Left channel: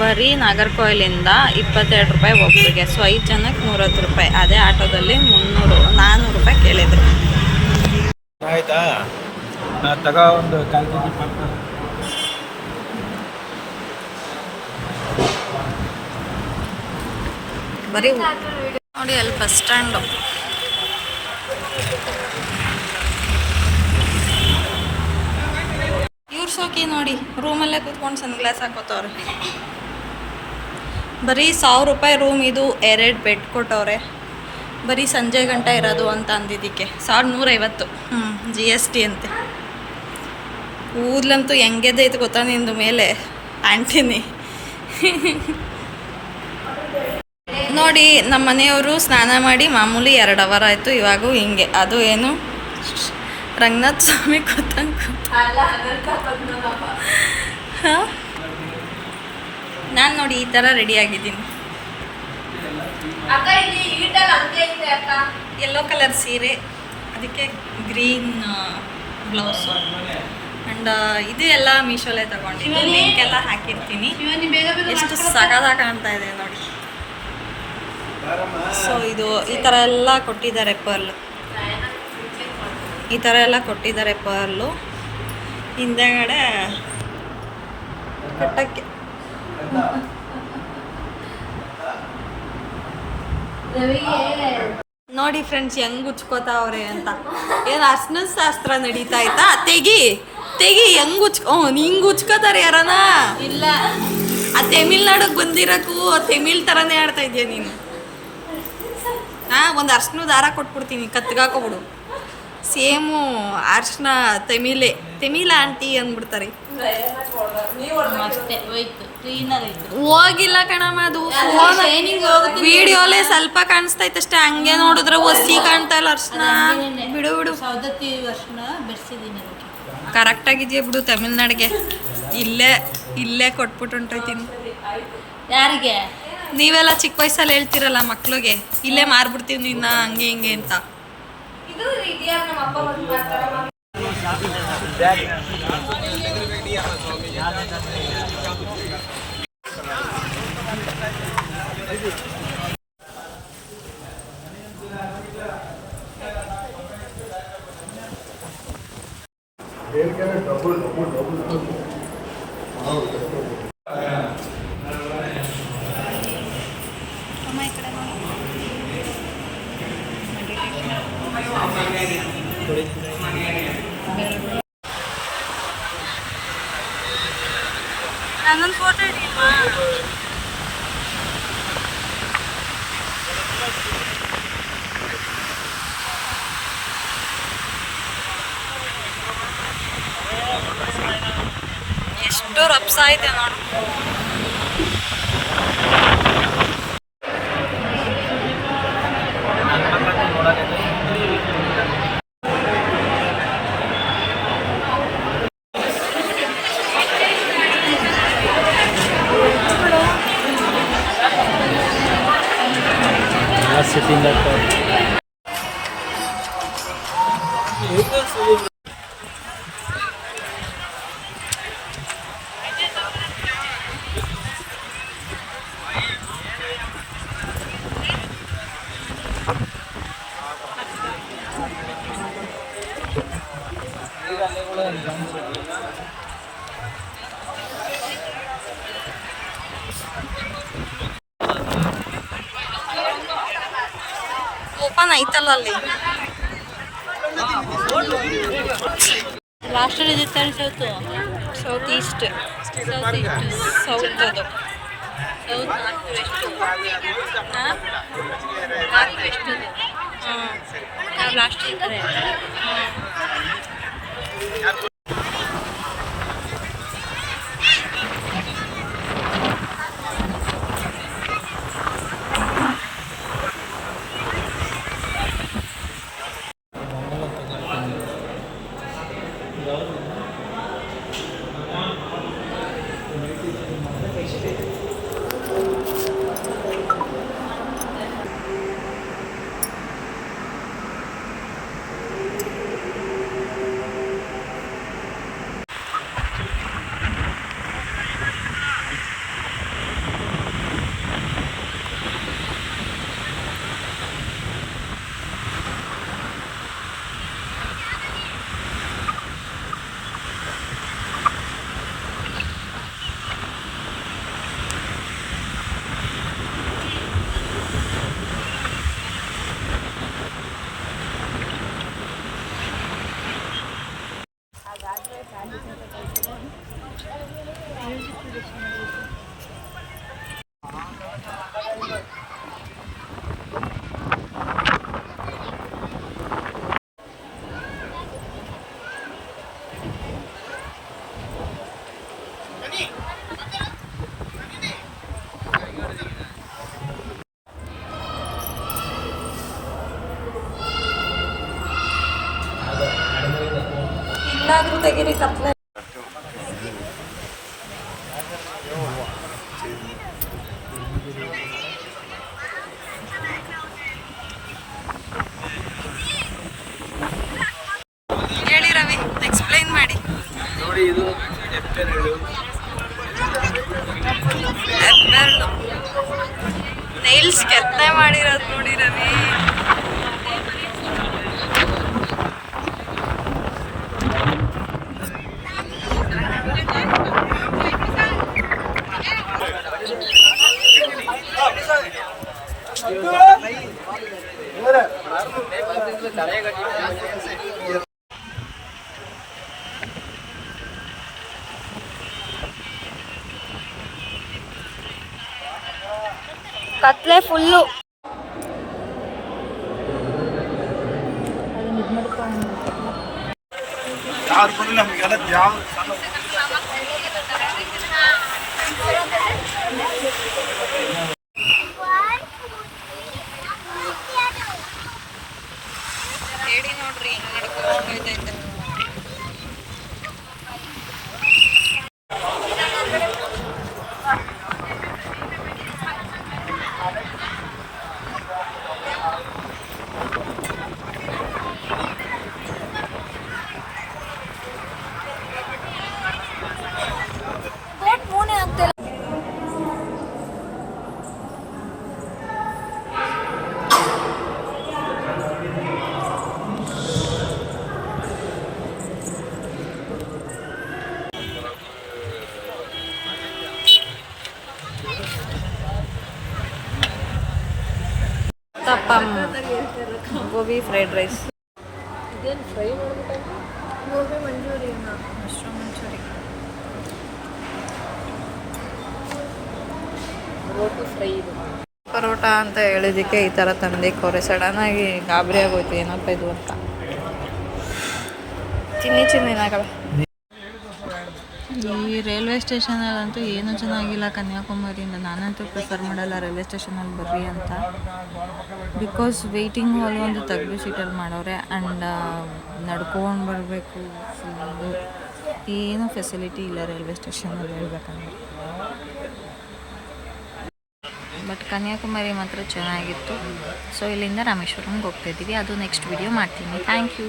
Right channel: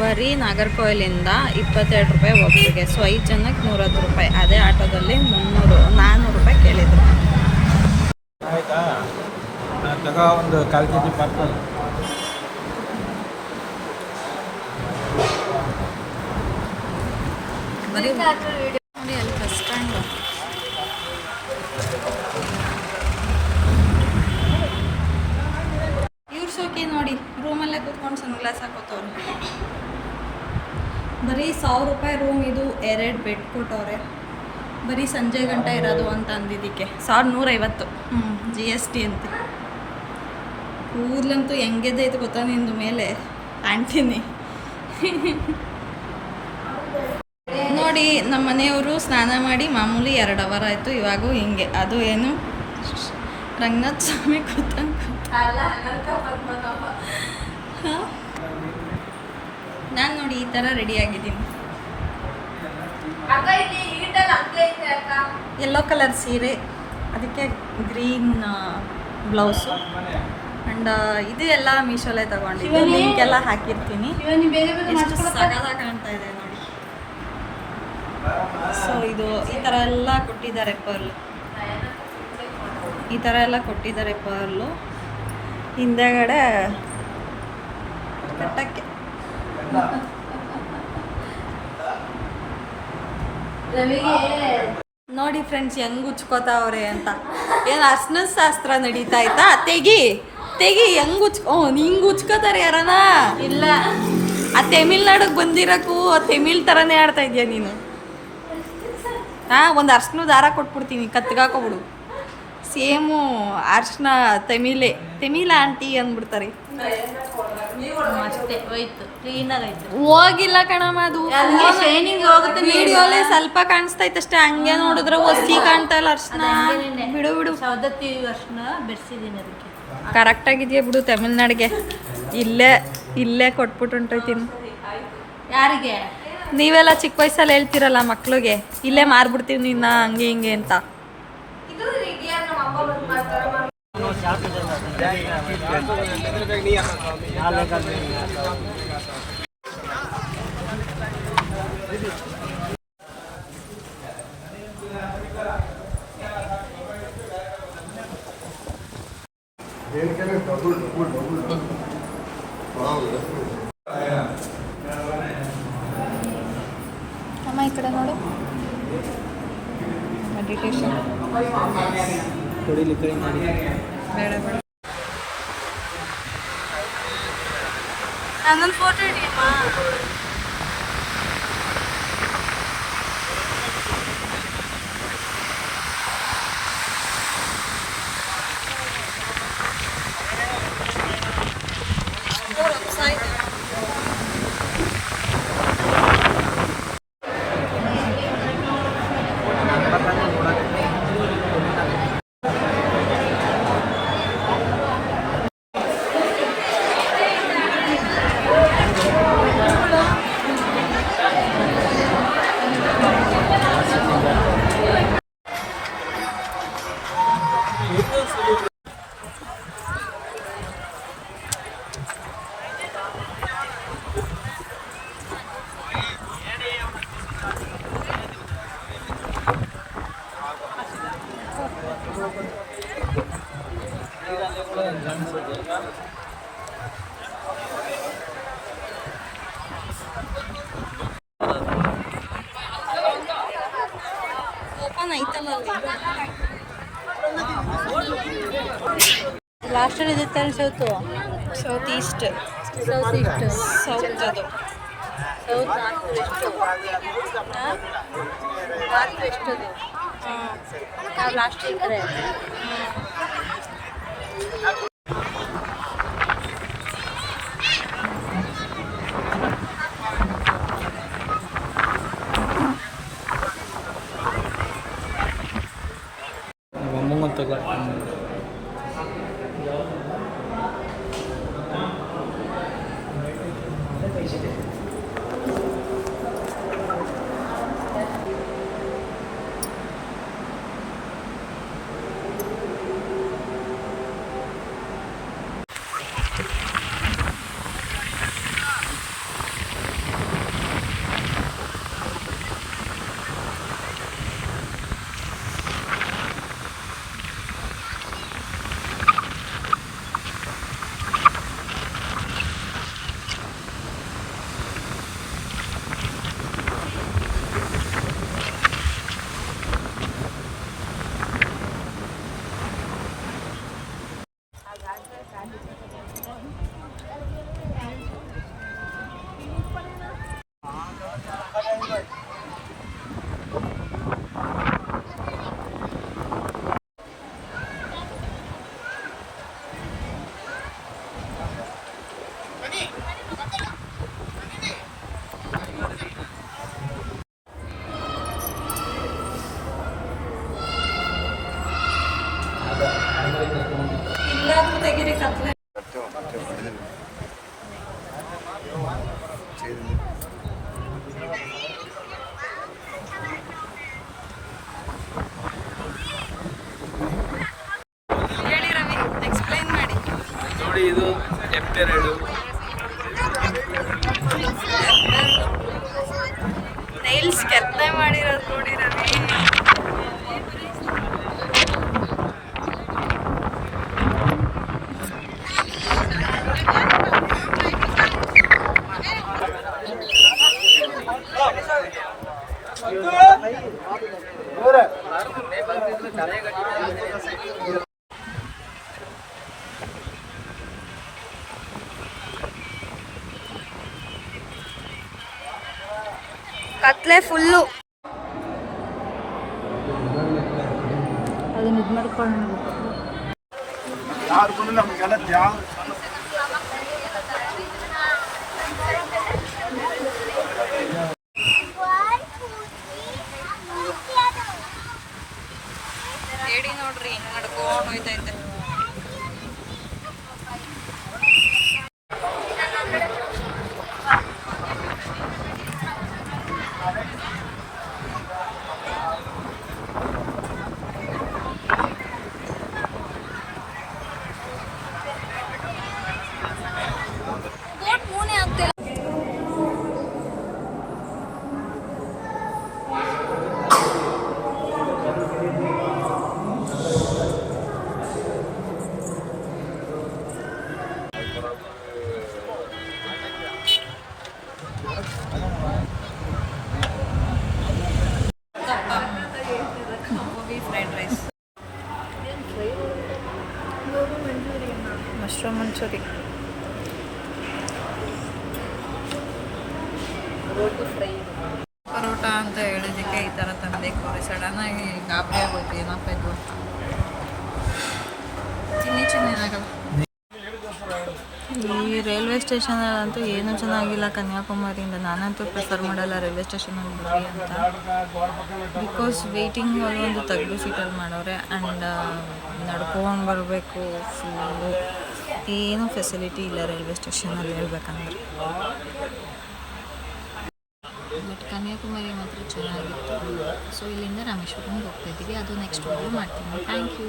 ಬರೀ ನಾಗರ್ಕೋಯಿಲಿಂದ 22 ರೂಪಾಯಿ ಒಬ್ಬರಿಗೆ. ಸೊ 5 ಜನಕ್ಕೆ 110 ರೂಪಾಯಿ. ಅದೇ ಆಟೋದಲ್ಲಿ 400 ರೂಪಾಯಿ ಕೇಳಿದರು. ಆಯ್ತಾ ತಗ ಒಂದು 1/4 kg ಪಾರ್ಸಲ್. ಬರೀ ನೋಡಿ ಅಲ್ಲಿ ಬಸ್ ಸ್ಟ್ಯಾಂಡು. ಇವ್ರ ಸೋಕಿ ನೋಡಿ, ರೂಮಲ್ಲೇ ಕೂತ್ಕೊಂಡು ಸನ್ಗ್ಲಾಸ್ ಹಾಕೋತವ್ರೆ. ಬರೀ 1000 ರೂಪಾಯಿ ರೂಮ್. ಇದು 2 ಬೆಡ್ ಕೊಟ್ಟವ್ರೆ. ಬರೀ ಸಂಜೆ ಗಂಟ ಇರೋದು ಅಂತ ಅಂದಿದ್ದಕ್ಕೆ 1150. GST ಅಂತೆ. ಕೂದಲಂತೂ ಹೆಂಗೆದೈತೆ ಗೊತ್ತಾ ನಿಂದು ಮೇಲೆ ಆಂಟಿನಿ. ನೋಡಿ ನಮ್ಮ ಮನೆಯವರು ಸ್ನಾನ ಮಾಡಿ ಮಾಮೂಲಿ 2 ಅವರ್ ಆಯಿತು. ಇವಾಗೂ ಹಿಂಗೆ. ಅದು ಏನು ರಂಗನಾಥ ಸ್ವಾಮಿ ಕೂತಂಗೆ ಹಾಂ, ನಾನು ನೋಡಿ ಈ ಥರ ರೆಡಿ ಆಗಿದ್ದೀನಿ. ಯೆಲ್ಲೋ ಕಲರ್ ಸೀರೆ, ಅದಕ್ಕೆ ಗ್ರೀನ್ ಬ್ಲೌಸು. ಆ್ಯಂಡ್ ಇದು ಎಲ್ಲ ಮೀಶೋಲ್ಲೇ ತಗೊಂಡಿದ್ದೆ. ಲಿಂಕ್ ಎಲ್ಲ ಹಾಕಿರ್ತೀನಿ. ಎಷ್ಟು ಸಗದಾಗಿ ಕಾಣ್ತಾ ಇದೆ ನೋಡಿ. ಸೊ ಇದು ಈ ಥರ ಎಲ್ಲ ಕೊಟ್ಟಿದ್ದಾರೆ ಪರ್ಲು. ಈ ಥರ ಎಲ್ಲ ಕೊಟ್ಟಿದ್ದಾರೆ ಪರ್ಲು. ಹಿಂದೆಗಡೆ ಕಟ್ಟಕ್ಕೆ ನೋಡಿ ಫ್ರೆಂಡ್ಸ್ ಹೆಂಗೆ ಉಚ್ಕೋತಾವ್ರೆ ಅಂತ. ಏನು ಅರ್ಶಿನದ ಶಾಸ್ತ್ರ ನಡೀತಾ ಆಯ್ತಾ? ತೆಗಿ ಹೆಂಗೆ ಹಿಂಗೆ ಉಚ್ಕೋತಾರೆ ಯಾರನ? ಇಲ್ಲ, ಆ ತಮಿಳ್ನಾಡಿಗೆ ಬಂದಿರೋಕ್ಕೂ ತಮಿಳ್ ಥರನೇ ಆಡ್ತಾ ಇದೆಯಾ ನೀನು. ಹಾಂ, ಒಂದು ಅರ್ಶಿನ ದಾರ ಕೊಟ್ಬಿಡ್ತೀನಿ, ಕತ್ಗಾಕೊಬಿಡು. ಸೇಮು ಅರ್ಶಿನ ತಮಿಳ ಆಂಟಿ ಅಂದ್ಬಿಡ್ತಾರೆ. ಅಷ್ಟೇ ಹೋಯ್ತು, ಕ್ಲೀನಾಗಿ ಆಯ್ತು. ಹೋಗಿಲ್ಲ ಕಣಮ್ಮ, ಅದು ವಿಡಿಯೋಲೆ ಸ್ವಲ್ಪ ಕಾಣಿಸ್ತೈತೆ ಅಷ್ಟೇ. ಹಂಗೆ ನೋಡಿದ್ರೆ ಒಸಿ ಕಾಣ್ತಾ ಇಲ್ಲ ಅರ್ಶಿನ. ಬಿಡು ಸೌದತ್ತಿ ಅರ್ಶಿನ ಬೆರೆಸಿದ್ದೀನಿ ಅದಕ್ಕೆ. ಕರೆಕ್ಟಾಗಿದೆಯಾ ಬಿಡು. ತಮಿಳ್ನಾಡಿಗೆ ಇಲ್ಲೇ ಕೊಟ್ಬಿಟ್ಟು ಹೊಂಟೋಯ್ತೀನಿ. ಯಾರಿಗೆ? ನೀವೆಲ್ಲ ಚಿಕ್ಕ ವಯಸ್ಸಲ್ಲಿ ಹೇಳ್ತಿರಲ್ಲ ಮಕ್ಳಿಗೆ, ಇಲ್ಲೇ ಮಾರ್ಬಿಡ್ತೀವಿ ನಿನ್ನ ಹಂಗೆ ಹಿಂಗೆ ಅಂತ. ಅಮ್ಮ ಈ ಕಡೆ ನೋಡು. ಮೆಡಿಟೇಷನ್ ಬೇಡ ನನ್ನೊಂದು ಫೋಟೋ ಹಿಡಿಯುವ. ಎಷ್ಟು ರಪ್ಸ ಇದೆ ನೋಡು. ಓಪನ್ ಐತಲ್ಲ ಅಲ್ಲಿ. ಲಾಸ್ಟ್ ಇದಿತ್ತು ಸೌತ್ ಈಸ್ಟ್ ಸೌತ್ ಅದು ನಾರ್ತ್ ವೆಸ್ಟು. ಹಾಂ, ನಾರ್ತ್ ವೆಸ್ಟ್ ಅದು. ಹಾಂ, ನಾವು ಲಾಸ್ಟ್ ಇದ್ದರೆ ಹಾಂ. ಇಲ್ಲಾದ್ರೂ ತೆಗಿರಿ ಕತ್ಲೆ. ಹೇಳಿ ರವಿ, ಎಕ್ಸ್ಪ್ಲೈನ್ ಮಾಡಿ. ನೋಡಿ, ಇದು ಎಪ್ಪೆರಡು. ನೈಲ್ಸ್ ಕೆತ್ತನೆ ಮಾಡಿರೋದು ನೋಡಿ ರವಿ. ಕತ್ಲೆ ಫುಲ್ಲು. ನಮಗೆಲ್ಲ ಯಾವ ಹೇಳಿ ನೋಡ್ರಿ, ಹಿಂಗ್ ನಡ್ಕೊಂಡು ಹೋಯ್ತೈತೆ. ತಪ್ಪಮ್, gobi fried rice, mushroom manchurian, parotta ಅಂತ ಹೇಳಿದ್ದಕ್ಕೆ ಈ ಥರ ತಂದೆ ಕೊರೆ. ಸಡನ್ನಾಗಿ ಗಾಬರಿ ಆಗೋಯ್ತು, ಏನಪ್ಪ ಇದು ಅಂತ. ಚಿನ್ನಿ ಏನಾಗಲ್ಲ. ಈ ರೈಲ್ವೆ ಸ್ಟೇಷನಲ್ಲಂತೂ ಏನೂ ಚೆನ್ನಾಗಿಲ್ಲ ಕನ್ಯಾಕುಮಾರಿಯಿಂದ. ನಾನಂತೂ ಪ್ರಿಫರ್ ಮಾಡಲ್ಲ ರೈಲ್ವೆ ಸ್ಟೇಷನಲ್ಲಿ ಬರ್ರಿ ಅಂತ. ಬಿಕಾಸ್ ವೆಯ್ಟಿಂಗ್ ಹಾಲ್ ಒಂದು ತೆಗೆದು ಸೀಟಲ್ಲಿ ಮಾಡವ್ರೆ. ಆ್ಯಂಡ್ ನಡ್ಕೊಂಡು ಬರಬೇಕು. ಫುಲ್ಲು ಏನೂ ಫೆಸಿಲಿಟಿ ಇಲ್ಲ ರೈಲ್ವೆ ಸ್ಟೇಷನಲ್ಲಿ ಹೇಳ್ಬೇಕಂದ್ರೆ. ಬಟ್ ಕನ್ಯಾಕುಮಾರಿ ಮಾತ್ರ ಚೆನ್ನಾಗಿತ್ತು. ಸೊ ಇಲ್ಲಿಂದ ರಾಮೇಶ್ವರಂಗೆ ಹೋಗ್ತಾಯಿದ್ದೀವಿ. ಅದು ನೆಕ್ಸ್ಟ್ ವಿಡಿಯೋ ಮಾಡ್ತೀನಿ. Thank you.